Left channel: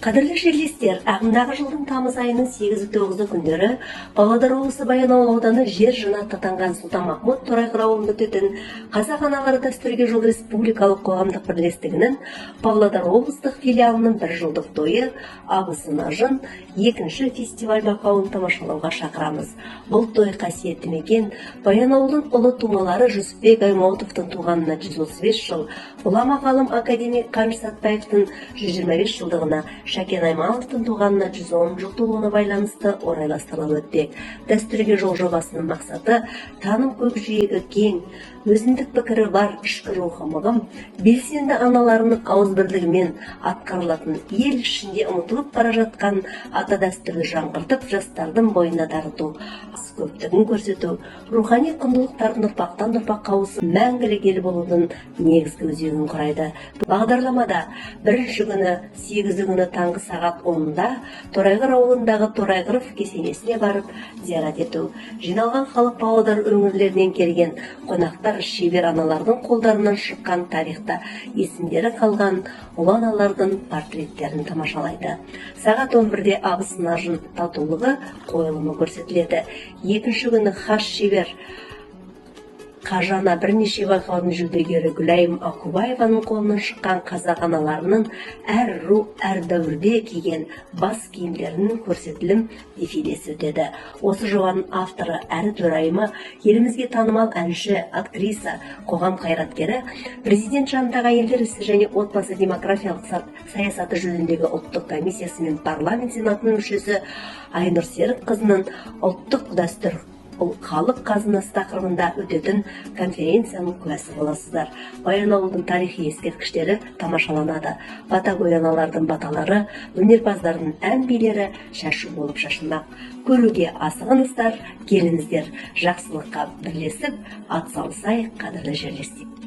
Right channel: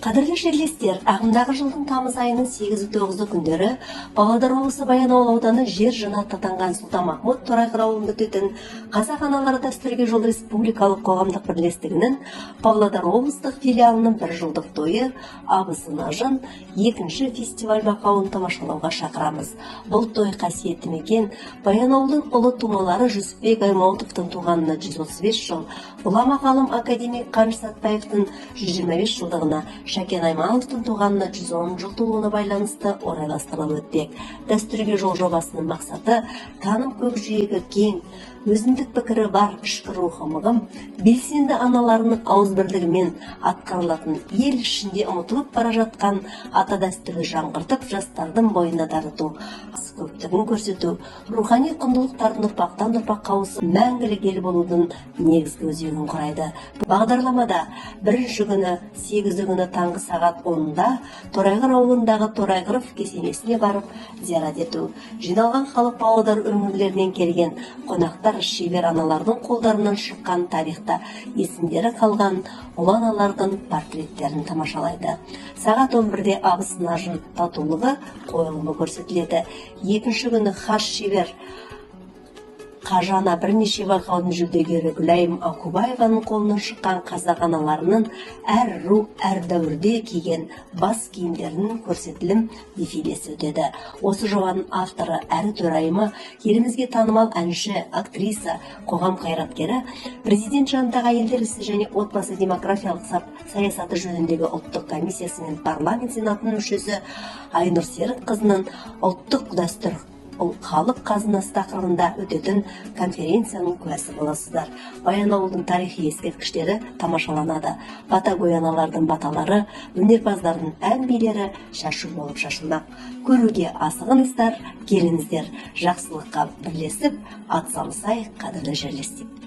Қадірлі жерлестер, ағымдағы жылдың тамыз айының 8-9 күндері Павлодар облысы Баянауыл ауданы жер жаннаты атанған Сұлтанмахмұт Торайғыр ауылында өтетін Қазақ аналары дәстүрге жол республикалық қоғамдық бірлестігінің Павлодар облыстық филиалының 1 жылдық тойы Абысын Ажын екінші фестиваль байқауын тамашалауға шақырамыз. Бұл той қасиетті мекен Баянауылдың ұлы тумалары Жүсіпбек Аймауытовтың туғанына 135 жыл, ғұлама ғалым академик Қаныш Сәтпаевтың 125 жылдығына, Шәкен Аймановтың туғанына 110 жыл толуына байланысты орайластырылып өтпек. Дәстүрге жол жобасының мақсаты таным көкжиегі кең, өзіндік пікірі бар ішкі рухы мығым, белсенді аналарының ауызбірлігімен атқарылатын ел ішінде ұмытылып бара жатқан ата дәстүрді жаңғыртып жастардың бойына дарыту, көптігін көрсету, рухани құндылықтардың ұрпақтан ұрпаққа ауысып мәңгілік ел болудың негізгі өзегін құрайды. Бағдарламада бірінші күні 8 күні таңғы сағат 10-да Торайғыр ауылындағы Торайғыров кесенесіне барып зиярат ету. Жиналған халық Павлодар өңірлерінен келген қонақтар шебер аналардың қолдарынан шыққан тарихта есімдері қалған ұлы аналардың портреттерін тамашалайды. Сағат 11-де Абысын Ажын татулығы қойылымы көрсетіледі. Екінші күні хас шебер Қажана бірнеше байқаудың жүлдегері Гүлайым Акубаеваның қолынан шыққан қазақ аналарының әр ру, әр дәуірде киген бас киімдерінің көрсетілім дефилесі өтеді. Осы жобаның авторы әрі төрайымы, елімізге танымал әнші, актриса, қоғам қайраткері, президент жанындағы әйелдер ісі және отбасы демографиялық саясаты жөніндегі ұлттық комиссиясы мен парламент сенатының мүшесі Айнұр Серікқызының ұлттық дәстүр халық қазынасы тақырыбында өтетін конференцияның куәсі боласыздар. Баянауылдың тарихи ескерткіштері тамашаланады. Батагояналардың баталары, өнерпаздардың ән билері шашу болып шашылмақ. Көруге асығыңыздар, келіңіздер, жақсылыққа бірлесіп атсалысайық, қадірлі жерлестер.